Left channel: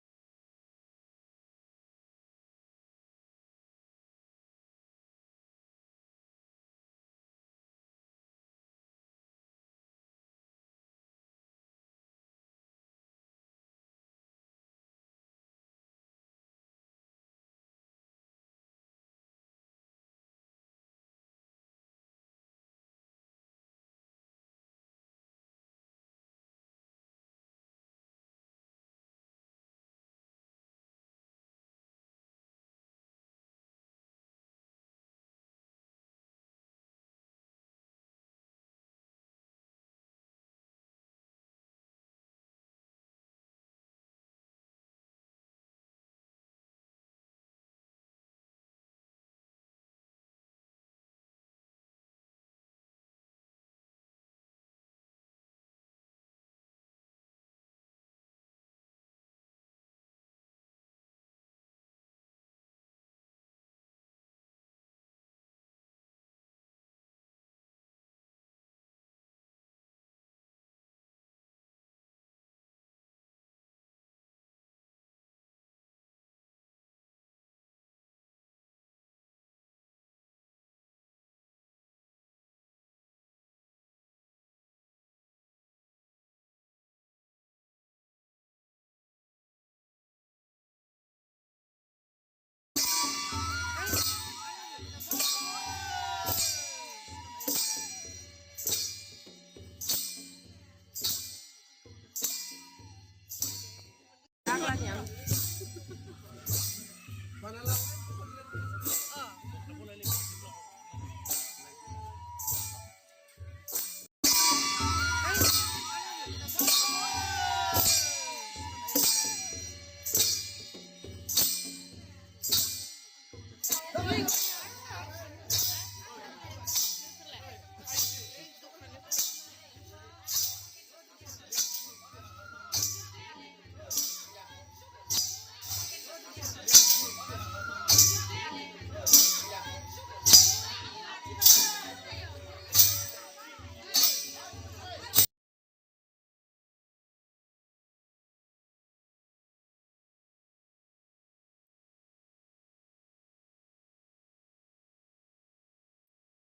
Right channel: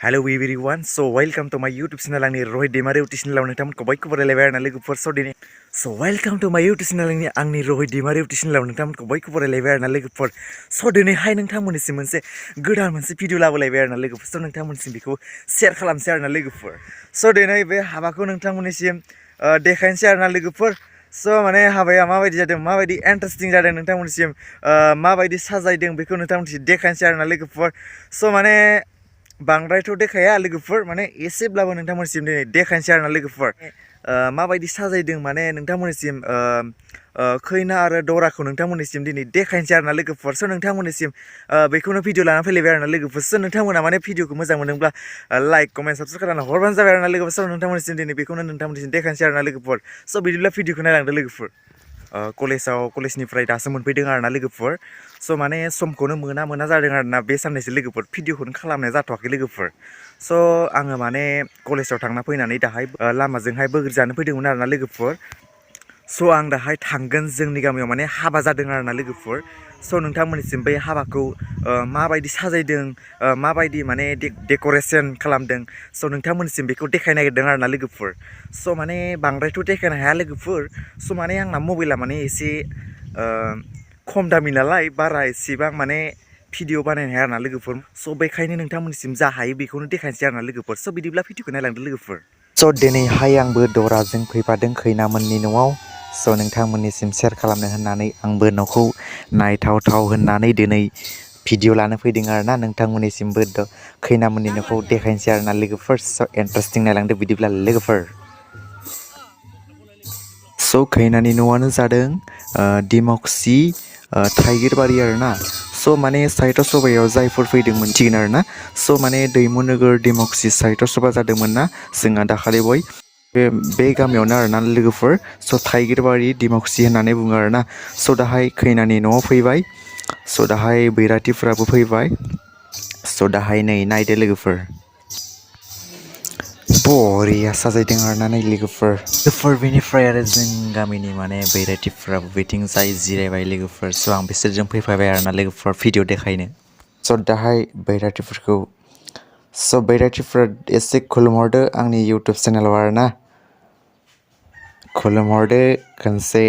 Hello everyone, so welcome to my YouTube channel आंनि रहित दैमारि YouTube channel आव नोंथांमोनखौ बयखौबो रायलायबाय आरोना लोगोफोर स दिनै so welcome to my YouTube channel आंनि रहित दैमारि YouTube channel आव नोंथांमोनखौ बयखौबो रायलायबाय आरोना लोगोफोर स दिनैहाय नोंथांमोननिसिम मोनसे गोदान मोनसे भिडिअ लाबोलायबाय आरोना लोगोफोर स नोंथांमोननिसिम बेखौ शेयार खालामसै आरोना लोगोफोर स दिनै बे हाबाखौ नोंथांमोननिसिम देखायनोसै आरोना लोगोफोर स माने हाबाया माबायदि जादों माबायदि इन्टारेस्टिं जादों नोंथांमोननिसिम माबायदि साजायदों बेखौ नोंथांमोननिसिम देखायनोसै आरोना लोगोफोर स माने बांद्रायथ' देखाया लोगोफोर माने एसेब्लाबो नोंथांमोननिसिम दिनै देखायनोसै आरोना लोगोफोर माबायदि साजायदों माने नोंथांमोननिसिम खैना आरो दराखौ नोंथांमोननिसिम दिनै देखायनोसै आरोना लोगोफोर स नोंथांमोननिसिम बेखौनो भिडिअ लानानै फैलायबाय आरोना लोगोफोर स नोंथांमोना माने भिडिअखौ मोजां मोनदोंब्ला लाइक कमेन्ट साबस्क्राइब खालामना हरबानो जाबाय आरोना लोगोफोर स नोंथांमोननिसिम दिनै बेखौनो नोंथांमोननिसिम देखायनोसै आरोना लोगोफोर स बिदिब्ला भिडिअखौ नायलांदो लोगोफोर कलेजनिफ्राय दासो मोनफैदों आरोना लोगोफोर स माने समखौनो मोना जादों आरोना बे साननैसो लोगोफोर भिडिअखौनो खालामनाय जाथ'वाखै लोगोफोर स आङो माने कलेजाव थांना फैनानै दाहाय लामाजोंहाय बोग्रि जानो फैदोंमोन आरोना लोगोफोर स आं दाहाय थांगोन जोंनि गामियाव माने हाबा जादों आरोना लोगोफोर स नोंथांमोननिसिम बै हाबाखौ माबायदि साजायदों माबायदि माने डेक'रेसन खालामदों स नोंथांमोननिसिम बेखौ देखायनो नागिरदों आरोना लोगोफोर स माने बांद्रायथ' देखायनो हाया लोगोफोर स माने आंना मबाइला माने एसे खम दामि नालाय बारा एसेबां माने भिडिअ बानायनो हाया आरोना लोगोफोर स बेखायनो नोंथांमोननिसिम जा हायो बेखौनो देखायनोसै आरोना लोगोफोर स बिदिब्ला भिडिअखौ नायलांदो लोगोफोर स दिनैहाय आंबो दराजों फैफादों खैनामोननि न'आव स नोंथांमोननिसिम शेयार खालामनो होननानै आंबो न'खौ नायथावथाव होननानै दिनै भिडिअ लानो फैदों आरोना नोंथांमोननिसिमबो खैनामोननि न'खौ देखायनोसै आरोना लोगोफोर स इन्टारेस्टिं नायलांदो बिदिब्ला लोगोफोर स खैनानि न'आनो जादों डिमाकुसि थाइगिरबारि आरोना स माने साइटआव सबायाव जायफोर फैदों मोनथिगोन आरोना स माने दैमु नोगोर डिमाकुसि साइटआव सभा जादोंमोन ना जोंहा दाखालि बे गामियावनो आरोना लोगोफोर स थाइगिरबारि डिमाकुसि होननानै बुङो आरोना स दाहाय खैनानि न'आव फैबाय स दाहाय बैराथिफोराबो फैबाय स दाहाय नै नायदो लोगोफोर बरिया साजायदों आरोना नै लोगोफोर बेनिफ्राय आरो जों गामिनि माने बैराथिफोराबो बिथिं जाय जिरायबाय लोगोफोर स आं बिसोरजों फैफाबाय आरोना लोगोफोर भिडिअ देखायनो स दाहाय बैराथिफोरखौ स बैराथिफोरा एसे खुलुमहरदो आंनि इउटुब चेनेलाव आरोना खुलुमहरदो खनसे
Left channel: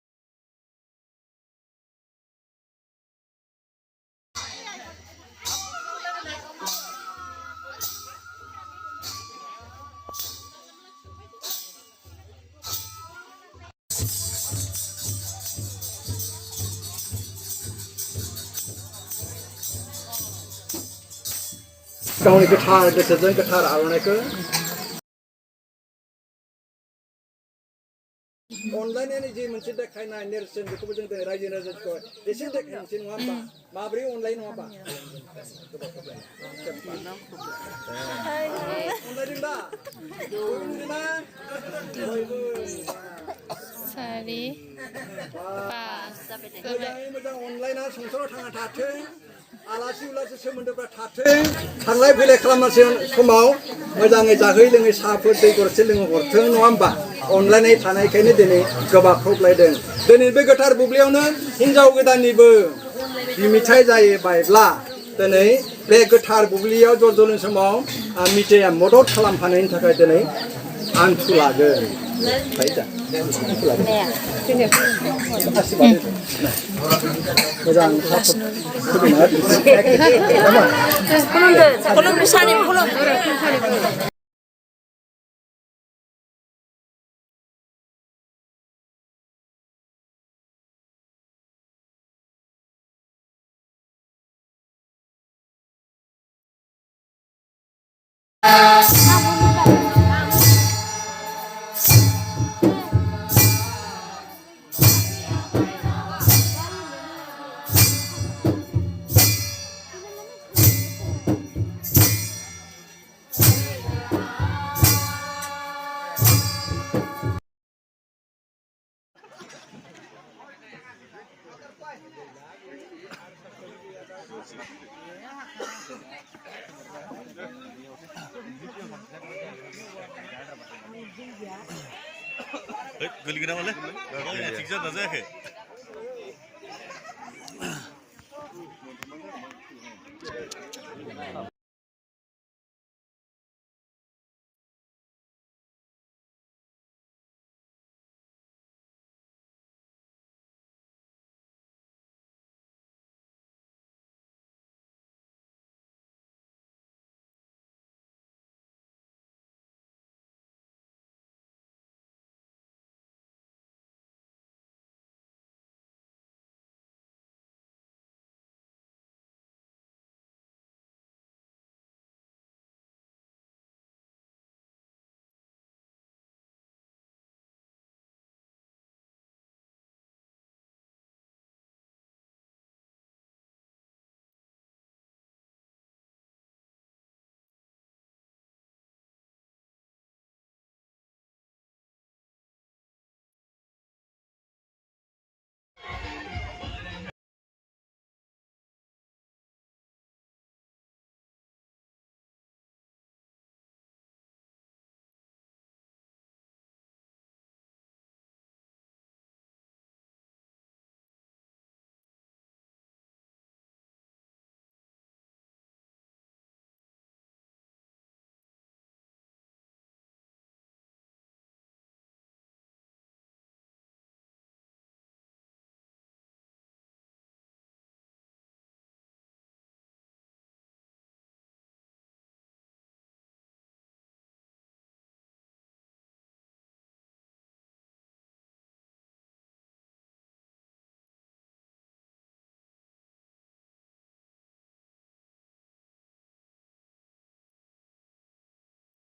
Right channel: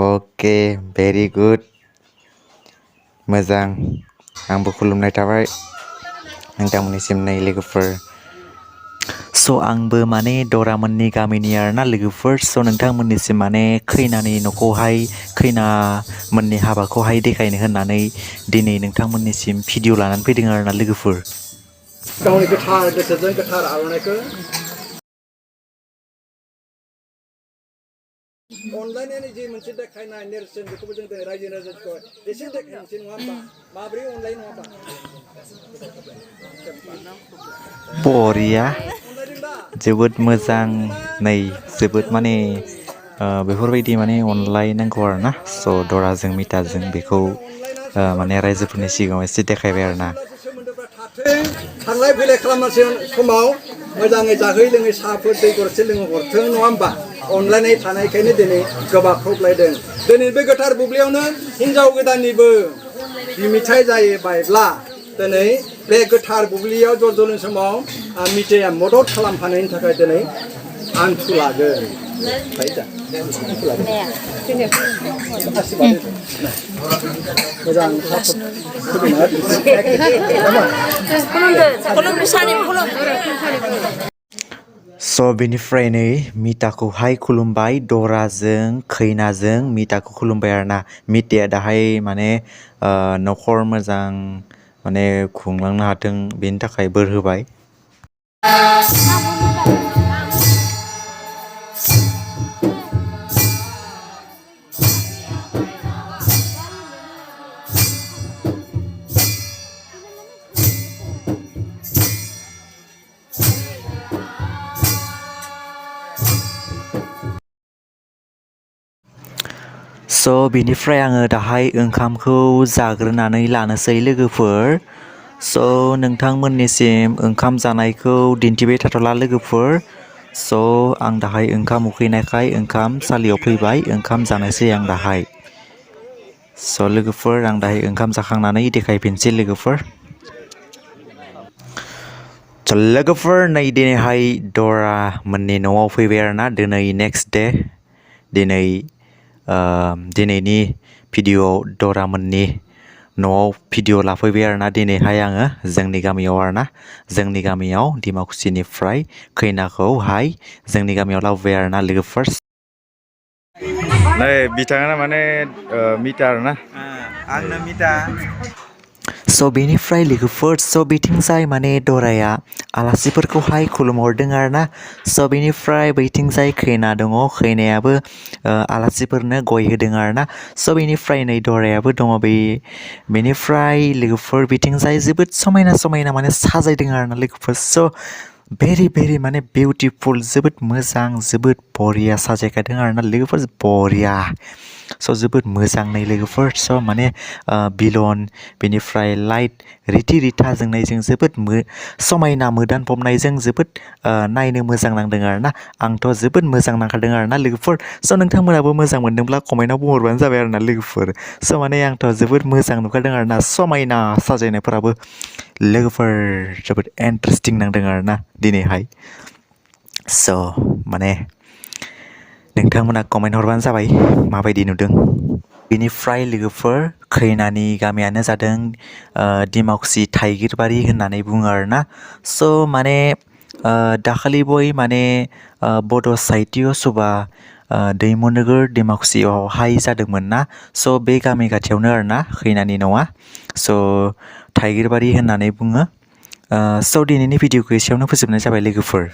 अके भेरि गुड मोजां आंबो खुलुमनाय थाबाय नोंथांमोननिसिम नै लोगोफोर स आंबो माने दरामोननि गामिनि आरोना लोगोफोर स नोंथांमोननिसिम माने खैनानि न'खौहाय खैना मोननि हाबाखौहाय देखायनो होननानै दिनै नोंथांमोननिसिम भिडिअ लानानै फैदों आरोना लोगोफोर गावनि गोथार गोसोजों गोथार आर'नाइखौ अनलायनायनि जे मोनसे देखायनाय नेरसोन बेखौबो जों रायजो राजाखौ एसे देखायनोसै नङा होमबा माब्रै अनलाय नङाबा बरिया जोबोद मोजां नै जोबोद माने बेफोरबायदि माने अनलायनांगौ आरोना स दराजों मिताजों बेखौ माने रायजोफोरनि सिगाङाव एसे देखायबाय आरोना थांलाय फैलाय खालामनाय समाव मोजाङै जाहै लोङै साहाफोर दै गरसे लोंहरथों नङा होमबा अनलायनाय थानायखायनो दिनै गोबाख्रबलायदों दिनै बे गोथार बुब्लियावनो हिन्जाव गोदाननिबो मिथाइ जायोबायब्ला दिनै बे गोथार बुब्लियाव ज' ज'नि समाव मिथाइया मदद खालामफानायनि थाखाय दिनै आन्थु लागोन स बेनिफ्राय नै मिताखौहाय खुलुमबाय दराजों खैनाजों मिताखौ खुलुमबाय आरोना मिताया दाहाय माने न'खर मोजां माने खुंलांनो हाथों बेनि थाखाय बोर होबाय स बिनिफ्राय आङो दाहाय ओंखामखौ जाग्रोनानै लानोसै लोगोफोर स नोंथांमोननिसिम ओंखाम जानायखौ दिन्थिबाय थाथ'ला लोगोफोर स आं दाहाय ओंखाम उखैनायखाय ओंखाम सालियाव फैबाय ओंखाम जानोसै आं दाहाय स लोगोफोर आं दाहाय ओंखाम जाखांनानै देखायफिनसै लोगोफोर लोगोफोर नै दिनैहाय दरा मोननि न'आव फैबाय आरोना दिनै नेक्स्ट डे दिनैनि भिडिअ'आव दरा मोननि न'आव भिडिअ' लाफैबाय आरोना दिनैहाय आङो जोंनि गामियाव आरोना जोंनि गामियाव डिमाकुसिनिफ्राय खैनाखौहाय जोंनि गामियाव लाबोबाय आरोना लोगोफोर नै बिथाङा माने मिटा आरोना आंनो मिटा स' बेनिफ्राय लोगोफोर स' बिथिंजाय माने दराया आलासिफोरखौहाय खुलुमहरदों आरोना स' बेनिफ्राय बैथिंजाय खैना दङ खैनायाबो आलासिफोरनो गय होदों आरोना स' बेनिफ्राय नै दरायाबो दङ बेनिफ्राय लोगोफोर बिथिंजाय जोबोद समायना समायना माने साजायदों आरोना लोगोफोर स' भेरि माने बिउटिफुल जोबोद मोजां जोबोद बरिया साजायखादों आरोना लोगोफोर बरिया स' जोबोद मोजां नै लोगोफोर स' माने बिलन बेनिफ्राय लाइट रिथा जोंनायजों जोबोद समायना मोदानफबनायजों जोबोद नायनो मोजां नांदों आरोना आंथ' जोबोद मोजां नांखादों आरोना लोगोफोर स' नोंथांमोनाबो मोजां मोनदोंब्ला कमेन्टआव बुंहरबानो जाबाय आरोना लोगोफोर स' माने आंथ' जोबोद मोजां नुखादों आरोना समायना साजायनायफोराबो लोगोफोर जोबोद इन्टारेस्टिं नांदों आरोना दिनैहाय स' माने नोंथांमोना कमेन्ट हरबानो जाबाय माबायदि नुदों बेनिफ्राय लोगोफोर खैनानि गामियानो जादों डिमाकुसि थाइगिरबारि होननानै बुङो आरोना स' माने दाखालि बय माने बड' साहित्य सभा दैमुनोगोर डिमाकुसियावहाय जादोंमोन ना स' बे गामि खाथियावनो आरोना खैनानि न'आ स' थाइगिरबारि होननानै बुङो स' दिनैनि भिडिअखौ एसेयावनो फोजोबनाय जाबाय लोगोफोर